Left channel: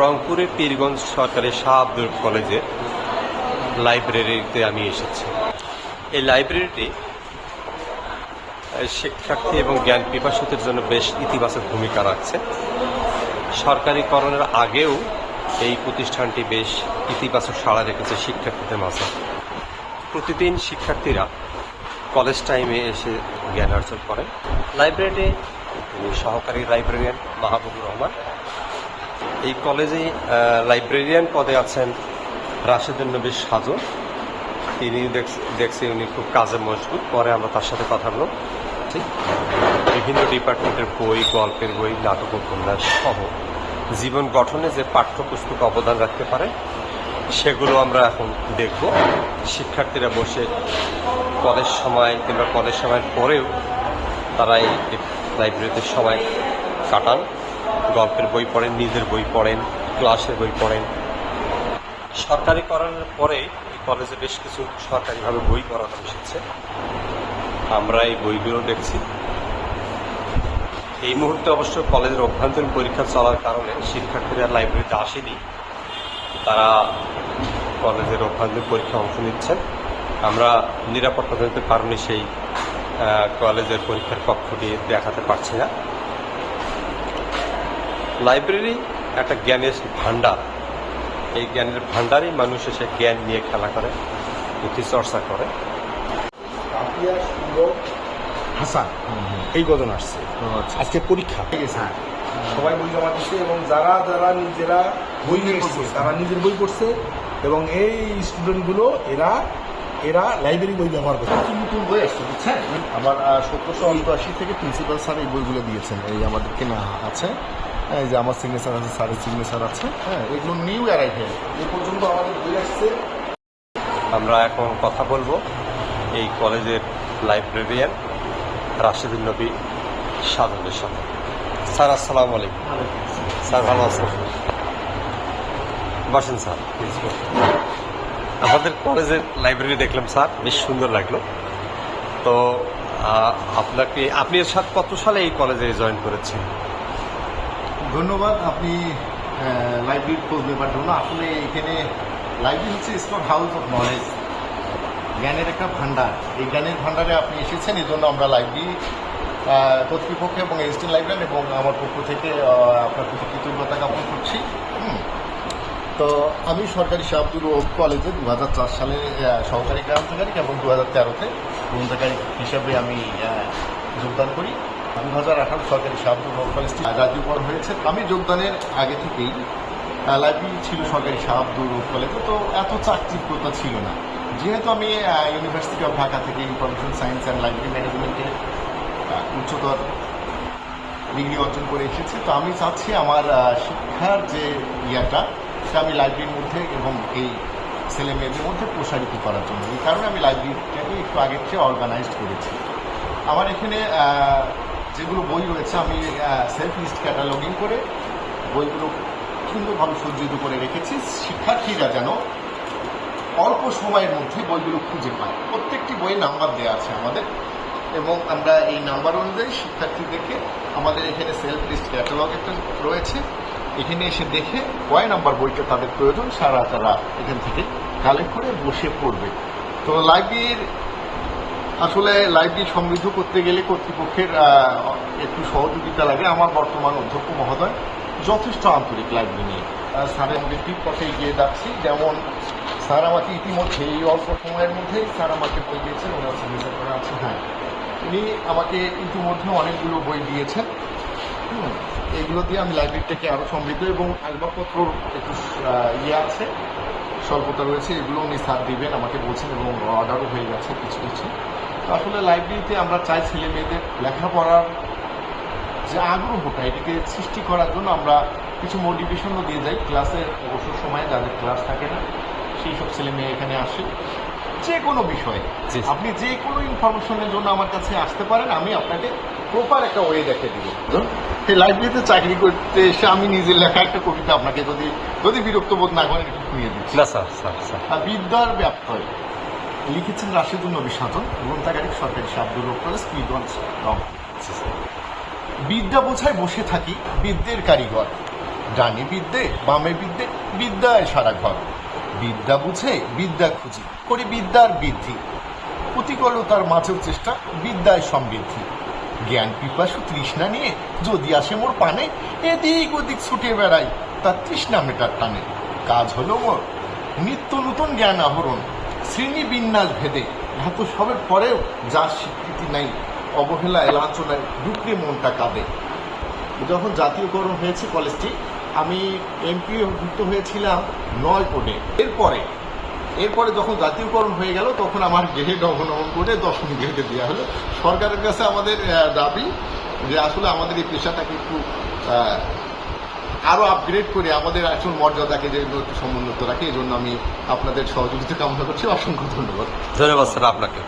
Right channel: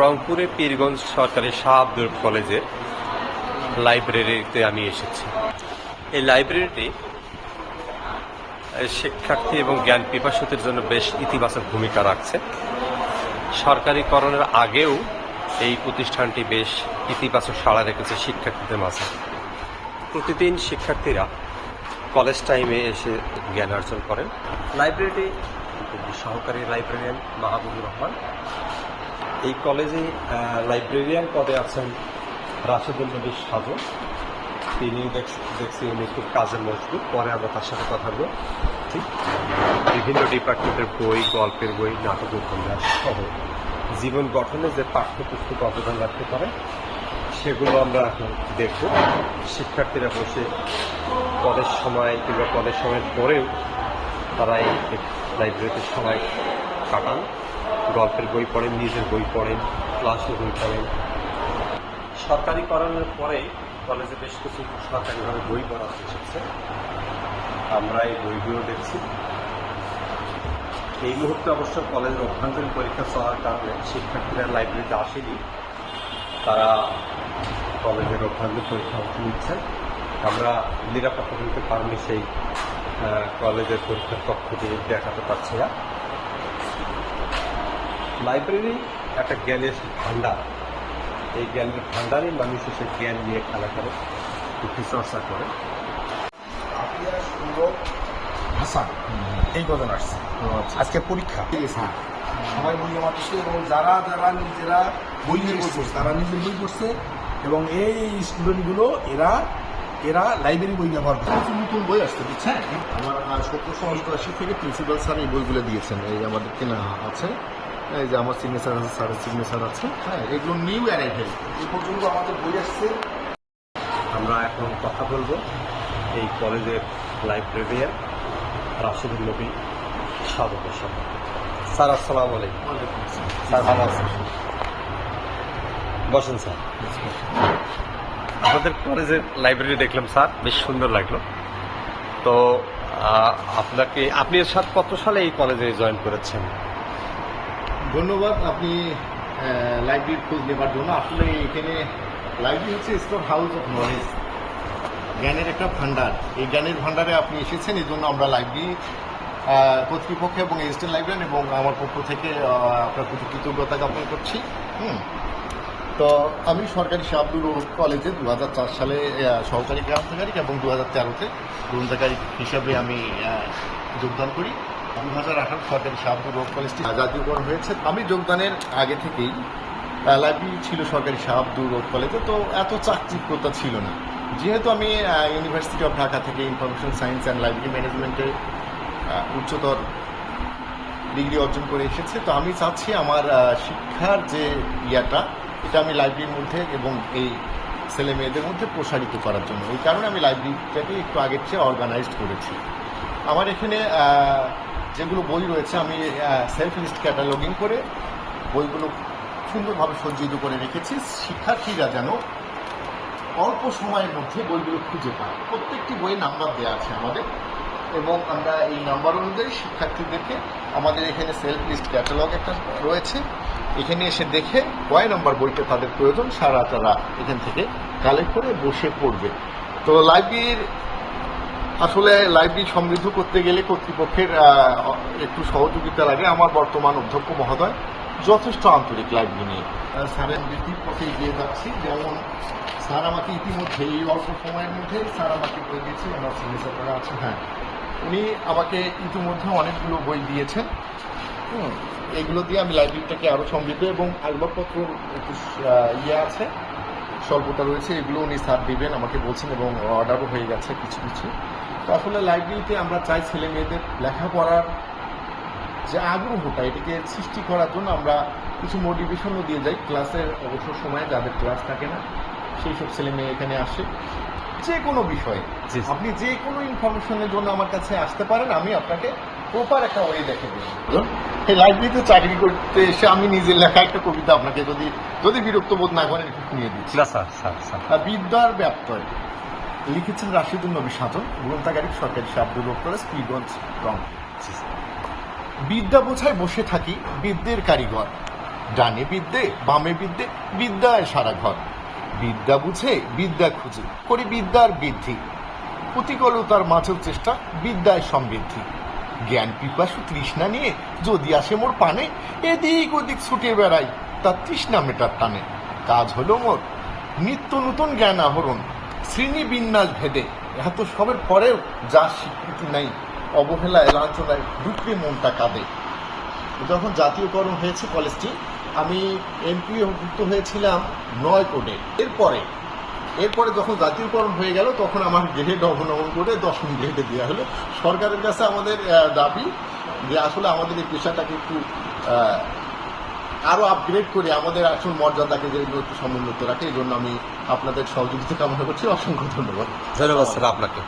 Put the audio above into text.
রংপুরের পীরগঞ্জ সরকারি শাহ আব্দুল কলেজের লাইব্রেরিতে আমি এসেছি। এই লাইব্রেরিটি শিক্ষার্থী এবং জ্ঞান পিপাসুদের জন্য বেশ ইতিবাচক ভূমিকা রাখছে। সরকারিকরণের আগেও এই প্রতিষ্ঠানটি বেশ ইতিবাচক সাড়া রেখেছে শিক্ষার্থীদের মাঝে। প্রতিদিন শিক্ষার্থীরা কলেজ টাইমে এসে জ্ঞান অর্জন করেন। লাইব্রেরিতে সহকারী লাইব্রেরিয়ান মাহবুবুর রহমান। এই কলেজে লাইব্রেরিয়ান পদে আছেন রাশেদুল নবী সাজু। তিনি দেখছি উনি খুব কাজে মজবুত। পরে আমরা তার সাথে কথা বলব। ঠিক? বিভিন্ন ডিপার্টমেন্টের বই, গল্পের বই, নাটক, উপন্যাস সহ জীবন গঠনে যে পাঠ্যপুস্তক অবদান রাখতে পারে, সেগুলো আমরা এখন দেখব। শিক্ষার্থীরা বসে কলেজ সময় কিংবা কলেজ সময়ের পরেও তারা এই লাইব্রেরিতে সময় কাটান। গল্পের বই পড়েন, নিজের বই পড়েন, ক্লাসের বই পড়েন। সরকারিকরণের পরে কলেজে বেশ কিছু সরকারিভাবে বই পড়া এসেছে। আমরা এই বইগুলো দেখছি। এই মুহূর্তে অবশ্য কলেজের অভ্যন্তরীণ পরীক্ষা চলার কারণে শিক্ষার্থীরা লাইব্রেরিতে আসেনি। তারা কলেজের অভ্যন্তরীণ পরীক্ষা অংশ নিচ্ছেন। আমরা নিরাপত্তাজনিত কারণে সেই কলেজের পরীক্ষার কক্ষটি দেখাতে পারছি না। লাইব্রেরি একটা জ্ঞানের ভান্ডার এই জ্ঞানের ভান্ডারই মানুষ এসে জ্ঞান নিয়ে খেলা করে চর্চা করে। হাসান এই কজন আসছে। আজকে পরীক্ষা। ঠিক আছে সবাই বই জমা দিচ্ছে এবং যারা যারা নিজেরা বই নিয়ে এসছে তারা নিজের বই পড়ছে এবং এই স্টুডেন্টগুলো এরা এরা লাইব্রেরি বই ব্যবহার করছে। নতুন নতুন বই আসছে বুঝছেন? আমার সতেরোশো অষ্টআশি থেকে প্রিন্সিপাল স্যার এই বইগুলো দিয়েছেন এই আমাদের কেনা আছে এই যে আমার সিগনেচার আছে স্যারের সিগনেচার আছে হ্যাঁ এগুলো নিউ অ্যারাইভেল এই পর্যন্ত আমাদের বই আসছে। আমরা এখন কথা বলব এই কলেজের লাইব্রেরিয়ান রাশেদুল নবী সাধনের সাথে। স্যার আসসালামু আলাইকুম। স্যার ভালো আছেন? বসেন স্যার। আমাদের কলেজের লাইব্রেরি দেখলাম স্যার। বেশ সুন্দর লাগল। তো আপনাকে আপনি এর সাথে কত সালে এই কলেজে জয়েন করেছেন? ধন্যবাদ, আপনি লাইব্রেরির খোঁজ নেবার জন্য আসলে এখানে লাইব্রেরি হচ্ছে স্টোর হাউস অফ নলেজ জ্ঞানের একটা ভান্ডার। এই জ্ঞানের ভান্ডারে আপনি এসেছেন এই জন্য আমরা লাইব্রেরি কর্তৃপক্ষ এবং এসটি লাইব্রেরি এবং আমার পক্ষ থেকে আপনার প্রতি কৃতজ্ঞতা জ্ঞাপন করছি। তো আমি সরকারি শাহাবুর কলেজে দু হাজার চার সালে সহকারী গ্রন্থাগারিক এবং দু হাজার তেরোতে গ্রন্থাগারিক হিসাবে আমি যোগদান করি। দু হাজার আঠারো সরকারি শাহাবুর কলেজটি জাতীয়করণ হয়েছে। আমি যোগদানের আগে থেকেই লাইব্রেরি ছিল সরকারি শাহ আব্দুর রৌফ কলেজে, তো এত চাকচিক্যতা ছিল না। যেহেতু আমি ইউনিভার্সিটি অফ ঢাকা থেকে ইনফরমেশন সায়েন্স অ্যান্ড লাইব্রেরি ম্যানেজমেন্টে উচ্চতর ডিগ্রি অর্জন করে এসেছি, তো আমি চাচ্ছি আমার শিক্ষার যে ইয়াটা এটা আমি লাইব্রেরির মধ্যে এবং এই ছেলে মেয়েদের মধ্যে প্রসারিত করার জন্য। এই কারণে আমি লাইব্রেরিটাকে একটু আগের চেয়ে অর্গানাইজড করেছি। আমার এখানে যেগুলো বই রয়েছে, আমি সেলফ লিস্ট ক্যাটালগিং করে বইগুলো সুন্দরভাবে সজ্জিত করে রেখেছি। শিক্ষার্থীরা যেন অল্প সময়ের মধ্যে বইগুলো খুঁজে পায়। প্রত্যেকটি বইয়ে নাম্বার দেওয়া আছে আমাদের এবং আমরা এই নাম্বার অনুযায়ী শিক্ষার্থীদেরকে আমাদের এখানে সেলফ লিস্ট ক্যাটালগ একটা রয়েছে। এখানে এসে দেখে কয় নাম্বার বইটা তাদের প্রয়োজন, সারা তারা এখান থেকে কালেক্ট করে বসে পড়বে। তো লাইব্রেরির আসলে লাইব্রেরি সমৃদ্ধ করতে গেলে কর্তৃপক্ষের একটু সহযোগিতা লাগে আমার বর্তমান অধ্যক্ষ মহোদয়। যথেষ্ট আন্তরিক লাইব্রেরি নিয়ে। স্যারের বৃদ্ধির পথে এগিয়ে যাচ্ছি। যেমন স্যার আমাকে ইতিমধ্যে এই অল্প সময়ের মধ্যে স্যার আমাকে বই দিয়েছেন ওনার সিগনেচার করা আছে। হ্যাঁ। উনি আমাকে ইতিমধ্যে অনেকগুলো বই দিয়েছেন। হুম এগুলো দিয়ে আমি লাইব্রেরিটাকে আরও সমৃদ্ধ এবং আসবাবপত্রর একটু ইয়ে আছে স্বল্পতা রয়েছে এগুলো উনি স্যার দিবেন আমাকে বলছেন এবং অর্ডারও হয়ে গেছে কিছু কিছু। আসলে লাইব্রেরিতে আমরা চাই ছেলে মেয়েদের লেখাপড়ার যে আগ্রহটা এটাকে সৃষ্টি করার জন্য আমরা কিছু মোটিভেশনও দিয়ে যাই। ক্লাসের অবসর সময়ে যাদের ক্লাস থাকে না সেই সব ছেলে মেয়ে এখানে আসে। যে কোনো বিষয়ে। আপনি যে কোনো ইনফরমেশনের জন্য আমার কাছে আসতে পারেন আমি আপনাকে প্রপার একটা ওয়ে দেখে দিব। এই লাইব্রেরিতে চাকরি করতে এসে আমি নিজের লেখা একটা কবিতা আপনাকে যদি যদি বিরক্ত বোধ না করেন একটু শুনিয়ে দিচ্ছি। না স্যার স্যার স্যার। বিদ্যার ব্যত্যয়। লিখেছেন রাশিদুল নবী সাধন গ্রন্থাগারিক সরকারি শাব্দুল কলেজ পীরগঞ্জ রং জি বিদ্যা বোঝায় বসে থাকি বিদ্যের কারিগর। ডানে বিদ্যে বামে বিদ্যে বিদ্যায় সারা ঘর। বিদ্যা বুঝে বিদ্যা খুঁজি করি বিদ্যার বৃদ্ধি। প্রতিকূলতার মাঝেও চেষ্টা বিদ্যায় সমৃদ্ধি। জ্ঞান পিপাসু তৃষ্ণা নিয়ে যদি আসে মোর পানে, এদিক ওদিক ছুটে বেড়াই তার তৃষ্ণা মেটার টানে। কাজ হলো মোর, নিত্য নতুন জ্ঞান আহরণ, শ্রেণি বিন্যাস ভেদে। এত সবের পরেও যার স্বীকৃতি নাই অবহেলায় লাঞ্ছনায় দুঃখে মনটা কাঁদে। যখন জাতীয়করণ হয়েছে কলেজটি, আমি এমপি ভুক্ত হয়েছিলাম নয় কোডে। এরপরে এরপরে যখন জাতীয়করণ হয়ে গেল, তখন আমার গ্রেড অবনমন করে দশম গ্রেডে দেওয়া হলো। সরকারের কাছে আমাদের দাবি যে আসলে আমাদের এই পেশাটাকে একটু আরও আরও আপগ্রেড করে আমাদের আসল মর্যাদাকে যে একটু সমুন্নত রাখে, এই জন্য আমি আপনাদের সহযোগিতা কামনা করছি। অসংখ্য ধন্যবাদ। ধন্যবাদ, স্যার, আপনাকে।